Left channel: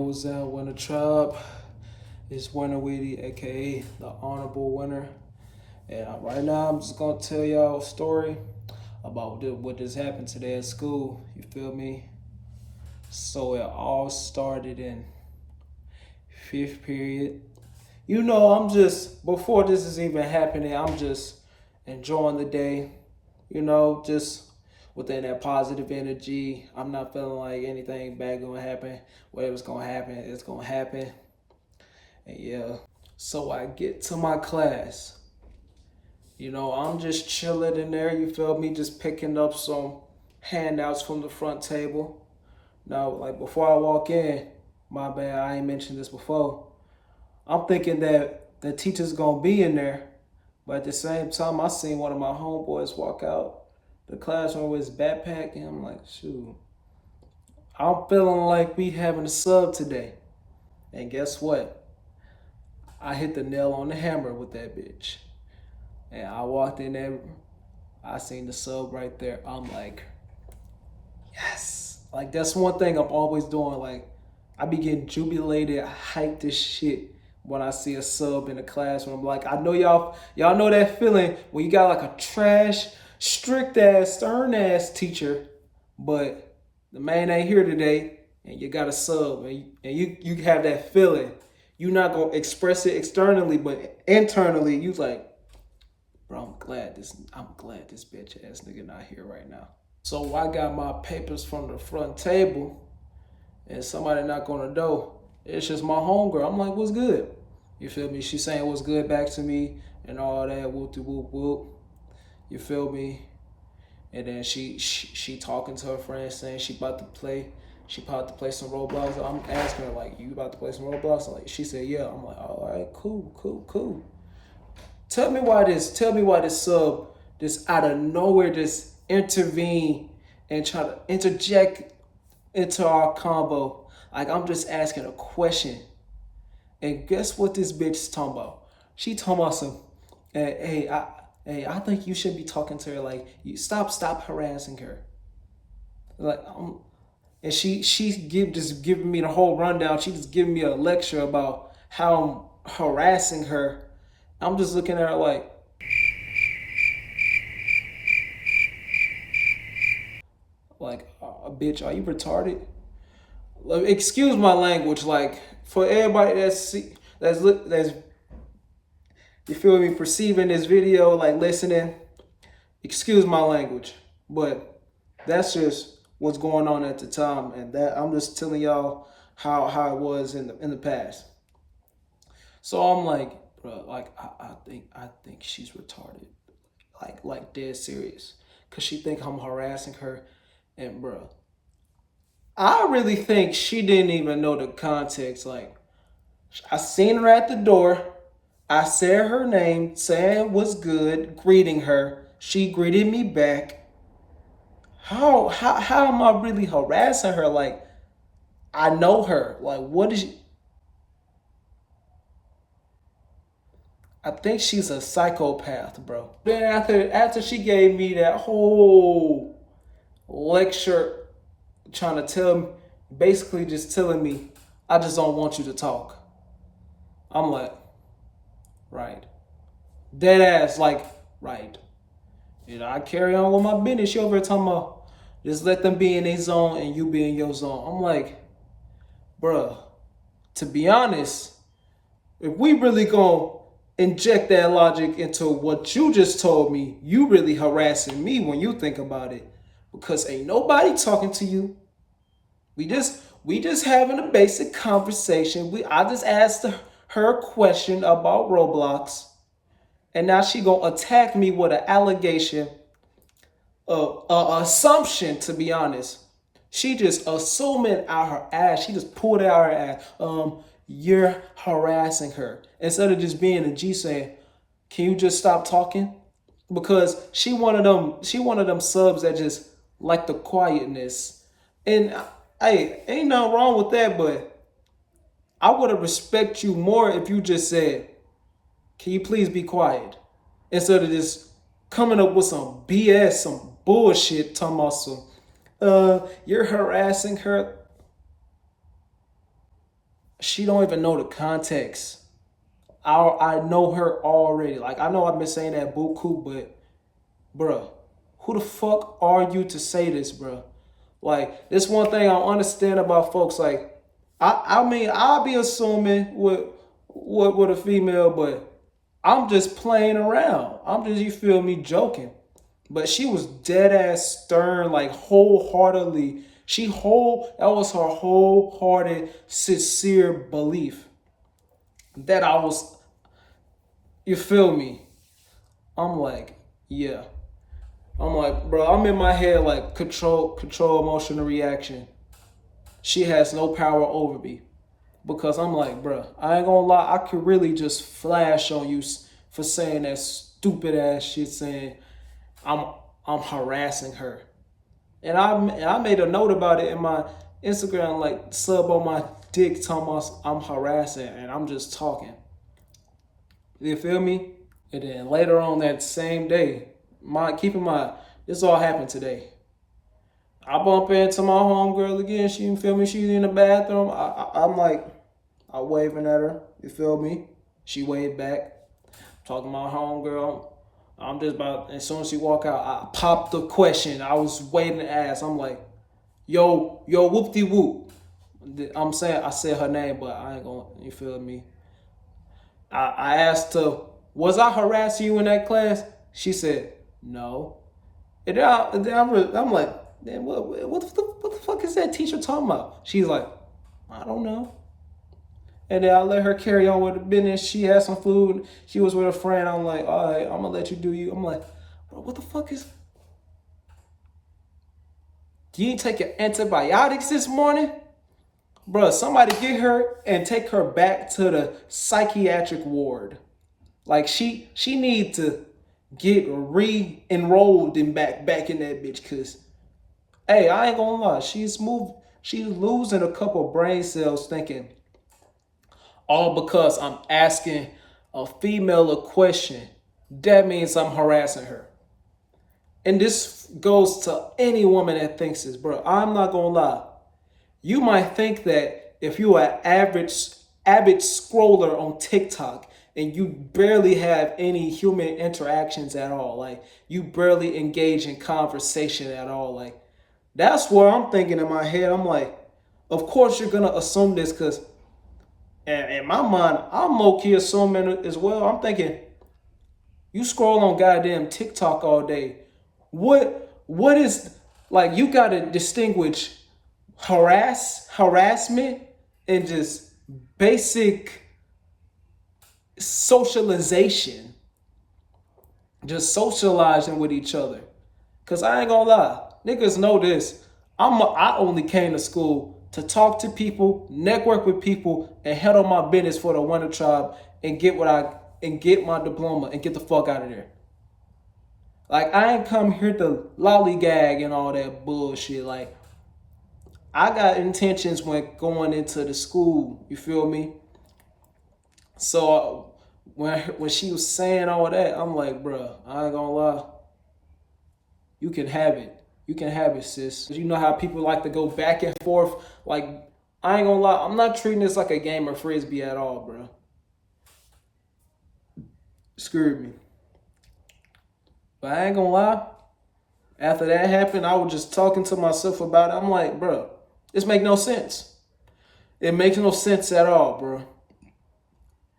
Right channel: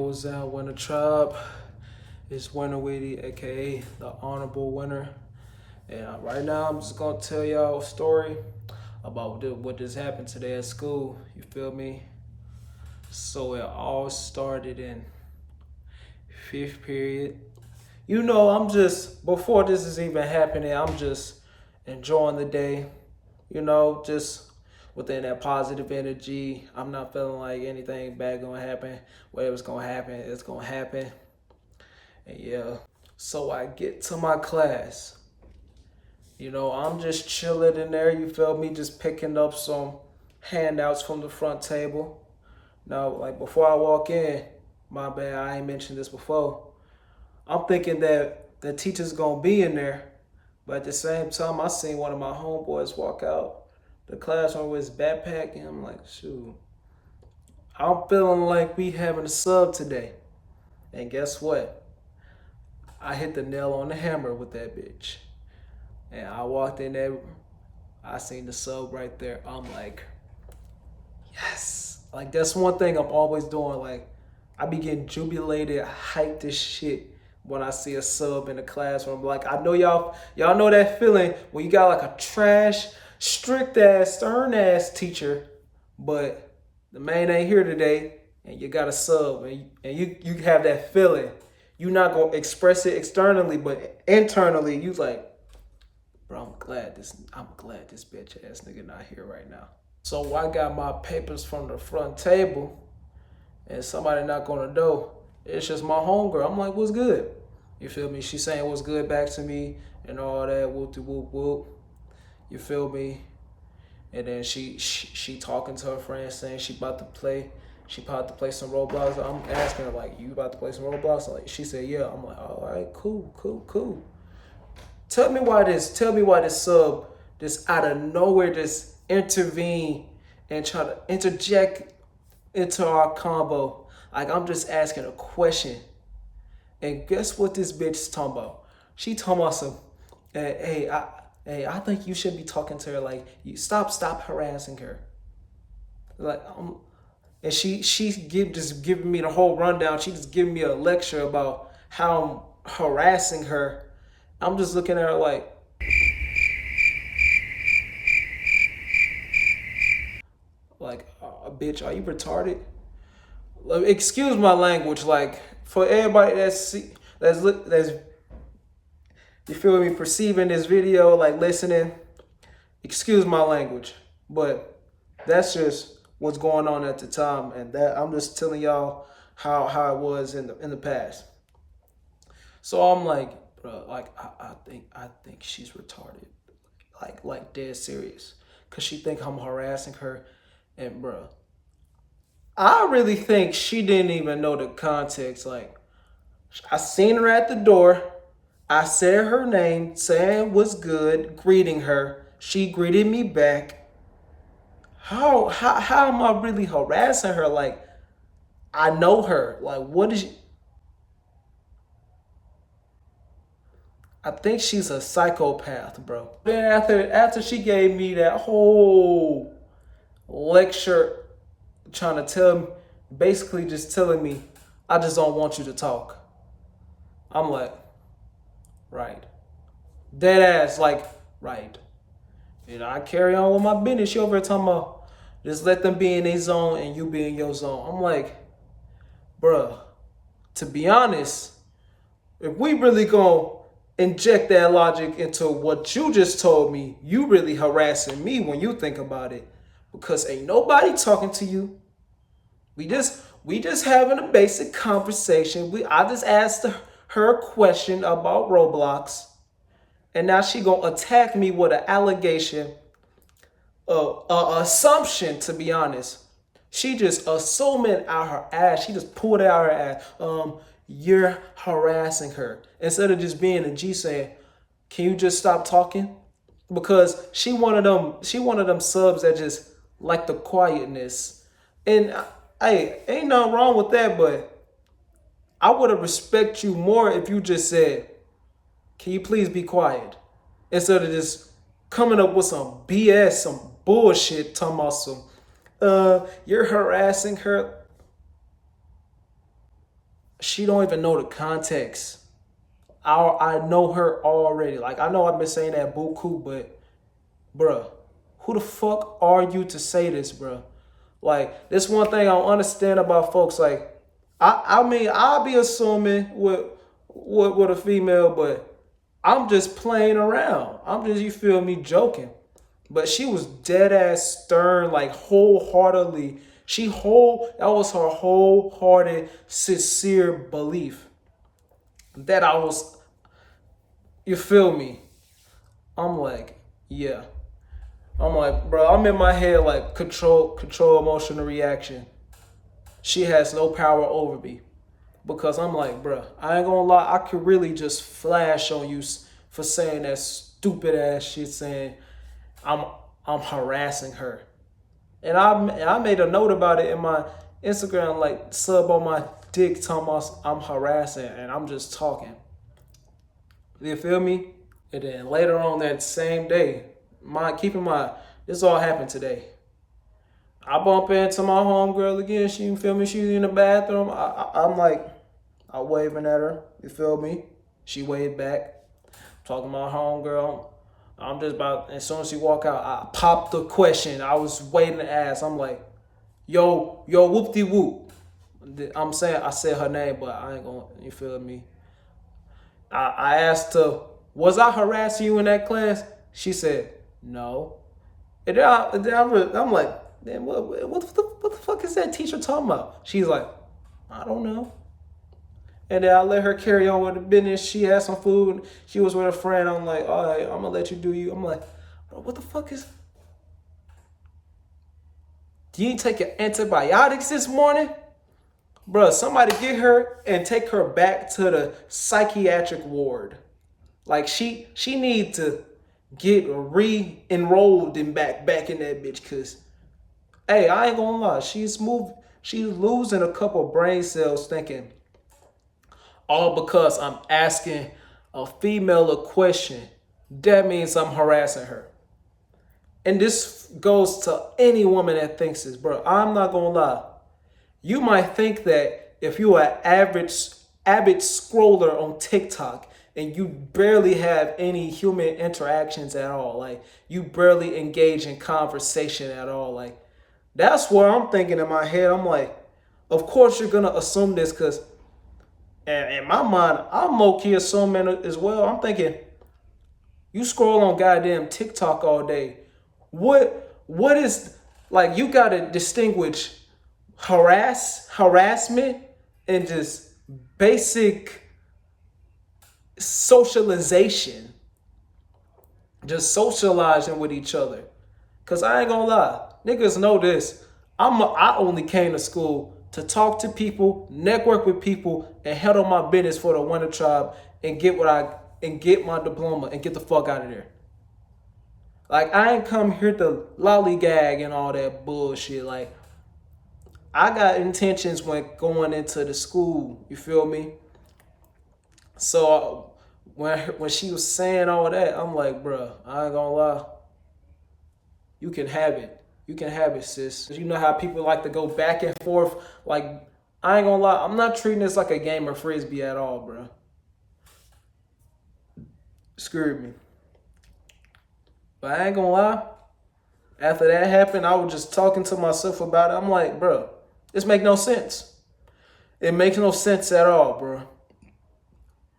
What's that winnertribe? It's Winner Weetyy, aka the honorable winner. And right now, I'm just gonna tell y'all a story about what just happened today at school. You feel me? So it all started in fifth period. You know, I'm just before this is even happening, I'm just enjoying the day. You know, just within that positive energy. I'm not feeling like anything bad gonna happen. Whatever's gonna happen, it's gonna happen. And yeah. So I get to my class. You know, I'm just chilling in there, you feel me? Just picking up some handouts from the front table. Now, like before I walk in, my bad, I ain't mentioned this before. I'm thinking that the teacher's gonna be in there, but at the same time, I seen one of my homeboys walk out the classroom with his backpack, and I'm like, shoot, I'm feeling like we having a sub today. And guess what? I hit the nail on the hammer with that bitch. And I walked in there, I seen the sub right there. I'm like, yes. Like that's one thing I'm always doing. Like I be getting jubilated, hyped as shit when I see a sub in the classroom. Like I know y'all know that feeling when you got like a trash, strict ass, stern ass teacher, but the man ain't here today, and you got a sub, and you have that feeling. You're not gonna express it externally, but internally, you like, bro, I'm glad this bitch ass nigga not here right now. So I got my papers from the front table and somebody knock on the door. It's just my homegirl. I'm like, what's good? You feel me? She saying what's good back to me and all that, whoop de whoop whoop. You feel me? And then she talking to her friend saying she about to play some Roblox. I'm asking her like, you about to play some Roblox? Like she said, yeah. I'm like, all right, cool. Tell me why this sub just out of nowhere just intervene and try to interject into our combo. Like I'm just asking a question. And guess what this bitch is talking about? She talking about some, I think you should be talking to her like, you stop harassing her. Like, and she just giving me the whole rundown. She just giving me a lecture about how I'm harassing her. I'm just looking at her like, bitch, are you retarded? Like, excuse my language. Like for everybody that's you feel me, perceiving this video, like listening, excuse my language, but that's just what's going on at the time, and that I'm just telling y'all how it was in the past. So I'm like, bro, like I think she's retarded, like dead serious, cause she think I'm harassing her, and bro, I really think she didn't even know the context. Like I seen her at the door. I said her name, saying what's good, greeting her. She greeted me back. How am I really harassing her? Like I know her. Like what is she? I think she's a psychopath, bro. Then after she gave me that whole lecture trying to tell me, basically just telling me, I just don't want you to talk. I'm like, right. Dead ass, like, right. You know, I carry on with my business. She over here talking about just let them be in their zone and you be in your zone. I'm like, bruh, to be honest, if we really gonna inject that logic into what you just told me, you really harassing me when you think about it. Because ain't nobody talking to you. We just having a basic conversation. I just asked her a question about Roblox. And now she gonna attack me with an allegation, assumption. To be honest, she just assuming out her ass. She just pulled it out her ass. You're harassing her instead of just being a G saying, "Can you just stop talking?" Because she one of them subs that just like the quietness. And hey, ain't nothing wrong with that, but I would have respect you more if you just said, can you please be quiet? Instead of just coming up with some BS, some bullshit, talking about some, you're harassing her. she don't even know the context. I know her already. Like, I know I've been saying that buku, but bruh, who the fuck are you to say this, bruh? Like, this one thing I don't understand about folks. Like, I mean, I'll be assuming with a female, but I'm just playing around. I'm just, you feel me, joking. But she was dead ass stern, like wholeheartedly. That was her wholehearted, sincere belief that I was, you feel me? I'm like, yeah. I'm like, bro, I'm in my head like control emotional reaction. She has no power over me. Because I'm like, bro, I ain't gonna lie, I could really just flash on you for saying that stupid ass shit, saying I'm harassing her. And I made a note about it in my Instagram, like sub on my dick, talking about I'm harassing and I'm just talking. You feel me? And then later on that same day, keep in mind, this all happened today. I bump into my homegirl again. She, feel me? She's in the bathroom. I'm like, I'm waving at her. You feel me? She waved back. Talking to my homegirl. I'm just about, as soon as she walk out, I popped the question. I was waiting to ask. I'm like, yo, whoopty whoop. I said her name, but I ain't gonna, you feel me? I asked her, was I harassing you in that class? She said, no. And then I'm like, man, what the fuck is that teacher talking about? She's like, I don't know. And then I let her carry on with the business. She had some food. She was with a friend. I'm like, all right, I'm gonna let you do you. I'm like, bro, what the fuck is? Do you take your antibiotics this morning? Bro, somebody get her and take her back to the psychiatric ward. Like, she need to get re-enrolled and back in that bitch. Cause, hey, I ain't gonna lie, she's losing a couple brain cells thinking, all because I'm asking a female a question, that means I'm harassing her. And this goes to any woman that thinks this, bro. I'm not gonna lie. You might think that if you're an avid scroller on TikTok and you barely have any human interactions at all, like you barely engage in conversation at all, like that's what I'm thinking in my head. I'm like, of course you're gonna assume this, because in my mind, I'm low-key assuming as well. I'm thinking, you scroll on goddamn TikTok all day. What is, like, you gotta distinguish harassment and just basic socialization. Just socializing with each other. Cause I ain't gonna lie, niggas know this. I only came to school to talk to people, network with people, and handle my business for the winnertribe and get my diploma and get the fuck out of there. Like, I ain't come here to lollygag and all that bullshit. Like, I got intentions when going into the school. You feel me? So when she was saying all that, I'm like, bruh, I ain't gonna lie. You can have it. You can have it, sis. You know how people like to go back and forth. Like, I ain't gonna lie. I'm not treating this like a game of frisbee at all, bro. Screwed me. But I ain't gonna lie. After that happened, I was just talking to myself about it. I'm like, bro, this make no sense. It makes no sense at all, bro.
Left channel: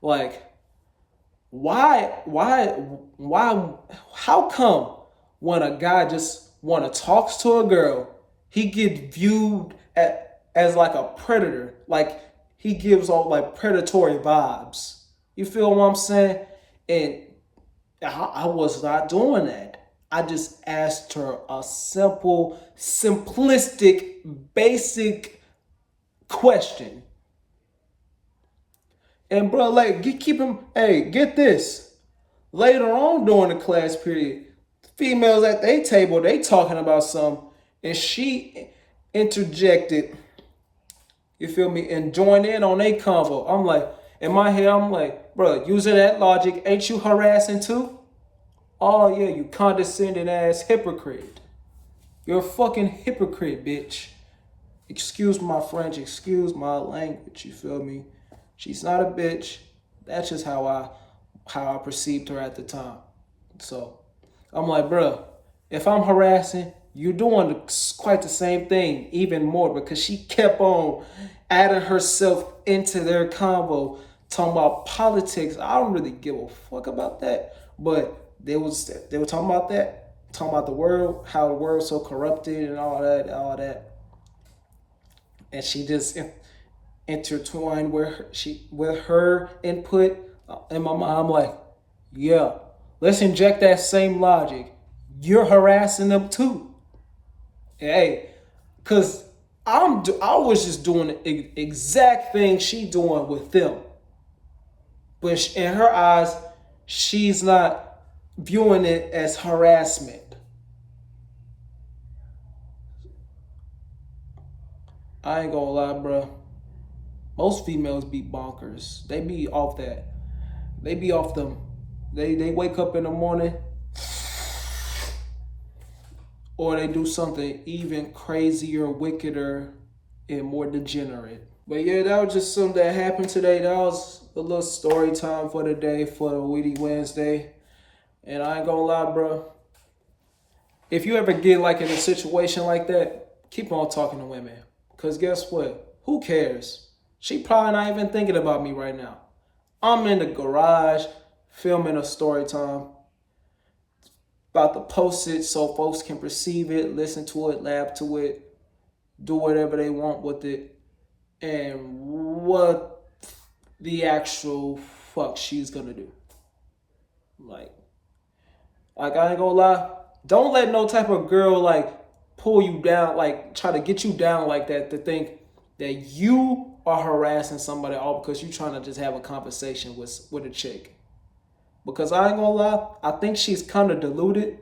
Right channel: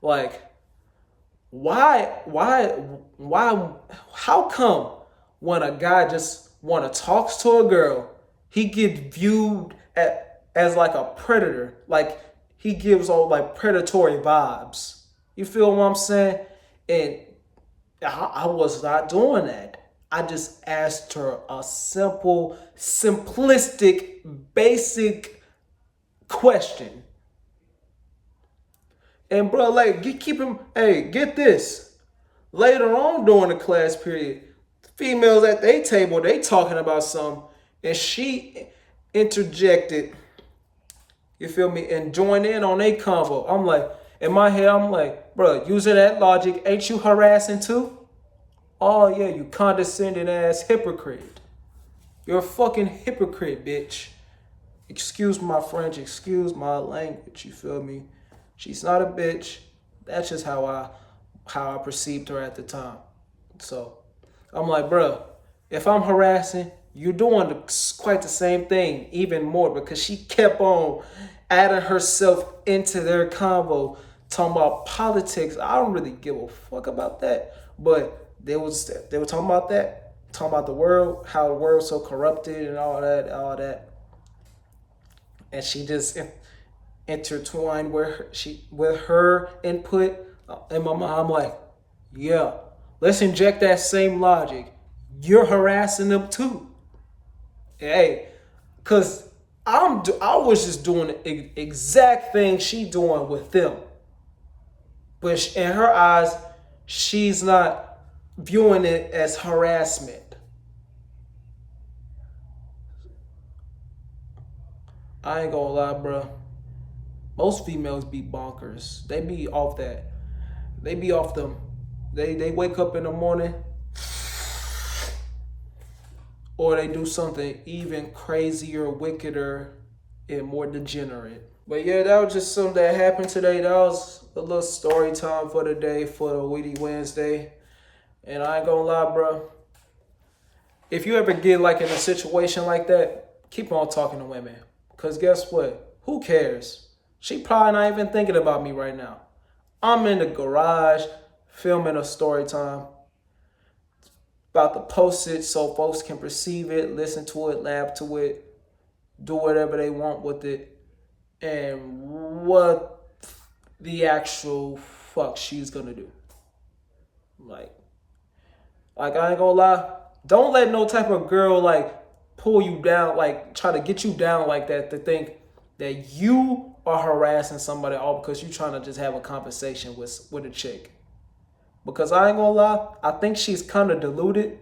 Like, why, how come when a guy just wanna talks to a girl, he get viewed as like a predator, like he gives all like predatory vibes. You feel what I'm saying? And I was not doing that. I just asked her a simple, simplistic, basic question. And bro, like, get this. Later on during the class period, females at their table, they talking about something, and she interjected, you feel me, and joined in on a convo. I'm like, in my head, I'm like, bro, using that logic, ain't you harassing too? Oh yeah, you condescending ass hypocrite. You're a fucking hypocrite, bitch. Excuse my French, excuse my language, you feel me? She's not a bitch. That's just how I perceived her at the time. So I'm like, bruh, if I'm harassing, you're doing quite the same thing, even more, because she kept on adding herself into their convo, talking about politics. I don't really give a fuck about that, but they were talking about that, talking about the world, how the world's so corrupted and all that, and she just intertwined with her input in my mind. I'm like, yeah, let's inject that same logic. You're harassing them too. Hey, cause I was just doing the exact thing she doing with them, but in her eyes, she's not viewing it as harassment. I ain't gonna lie, bro. Most females be bonkers. They be off that. They be off them. They wake up in the morning, or they do something even crazier, wickeder, and more degenerate. But yeah, that was just something that happened today. That was a little story time for the day, for the Weetyy Wednesday. And I ain't gonna lie, bro. If you ever get like in a situation like that, keep on talking to women. Cause guess what? Who cares? She probably not even thinking about me right now. I'm in the garage filming a story time. About to post it so folks can perceive it, listen to it, laugh to it, do whatever they want with it. And what the actual fuck she's gonna do. Like I ain't gonna lie. Don't let no type of girl like pull you down, like try to get you down like that, to think that you are harassing somebody all because you're trying to just have a conversation with a chick. Because I ain't gonna lie, I think she's kind of deluded.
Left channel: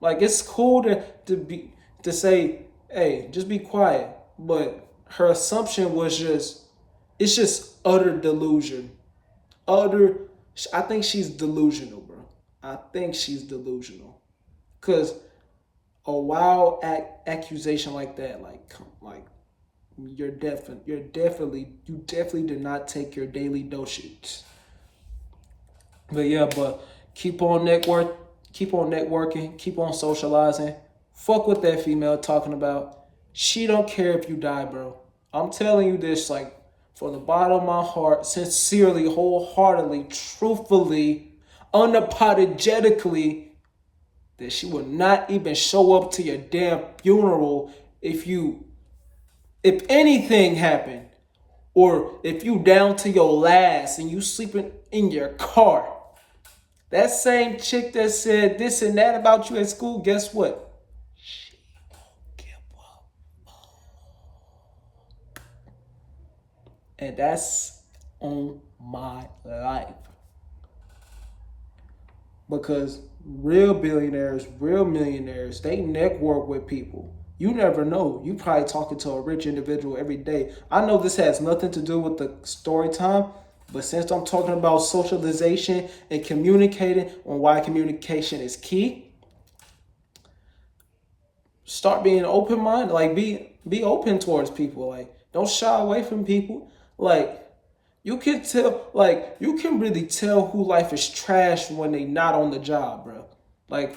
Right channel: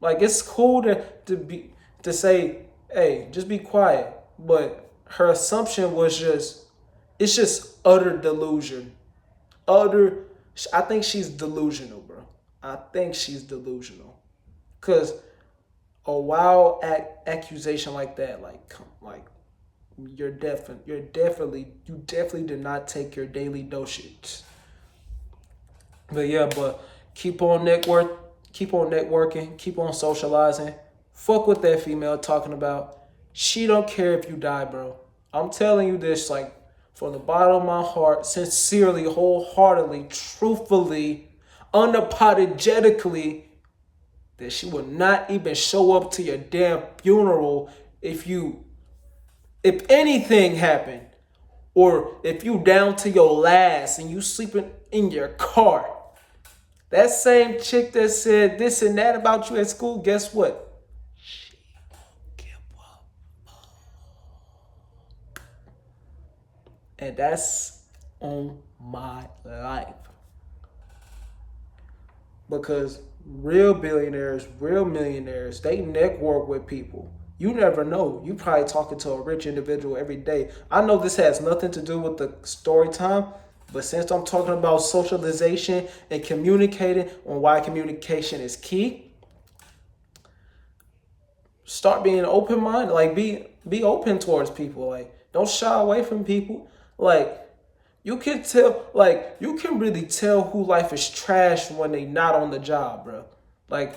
Like it's cool to say, hey, just be quiet. But her assumption was it's just utter delusion. I think she's delusional, bro. I think she's delusional. Cause a wild accusation like that, like you definitely did not take your daily dosage. But yeah, keep on networking, keep on socializing. Fuck what that female talking about. She don't care if you die, bro. I'm telling you this like from the bottom of my heart, sincerely, wholeheartedly, truthfully, unapologetically, that she would not even show up to your damn funeral if anything happened, or if you down to your last and you sleeping in your car. That same chick that said this and that about you at school, guess what? She won't give up. And that's on my life. Because real billionaires, real millionaires, they network with people. You never know. You probably talking to a rich individual every day. I know this has nothing to do with the story time, but since I'm talking about socialization and communicating on why communication is key, start being open-minded. Like be open towards people. Like don't shy away from people. Like you can really tell who life is trash when they not on the job, bro. Like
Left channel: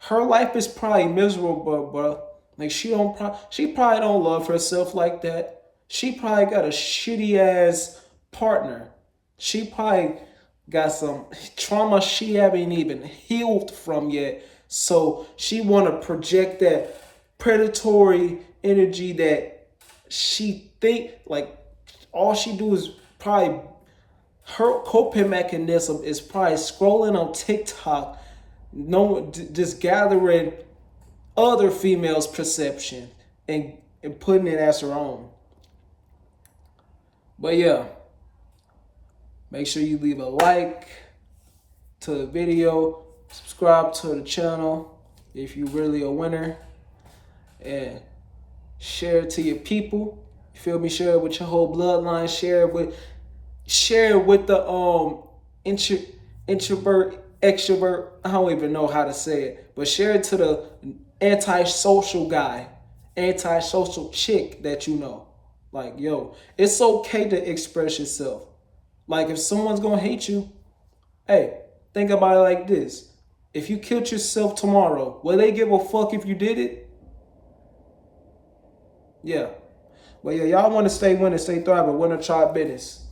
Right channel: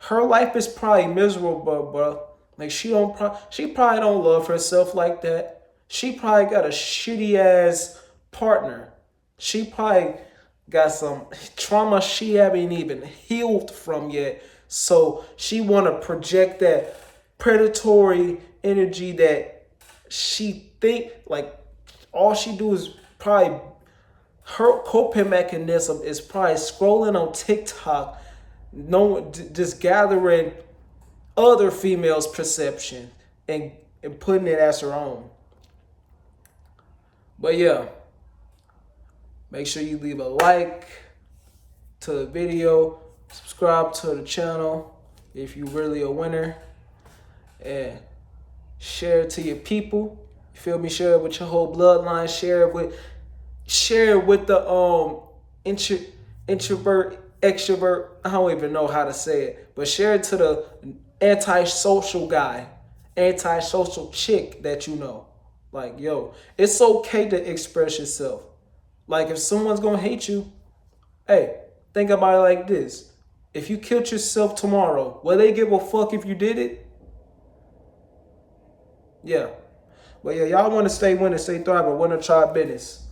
her life is probably miserable, bro. Like she probably don't love herself like that. She probably got a shitty ass partner. She probably got some trauma she haven't even healed from yet. So she want to project that predatory energy that she think like all she do is probably her coping mechanism is probably scrolling on TikTok, just gathering other females' perception and putting it as her own. But yeah, make sure you leave a like to the video, subscribe to the channel if you really a winner, and share it to your people. You feel me? Share it with your whole bloodline. Share it with the introvert, extrovert. I don't even know how to say it, but share it to the antisocial guy antisocial chick that you know. Like, yo, it's okay to express yourself. Like, if someone's gonna hate you, hey, think about it like this. If you killed yourself tomorrow, will they give a fuck if you did it? Yeah. But yeah, y'all want to stay winning, stay thriving, winner tribe business.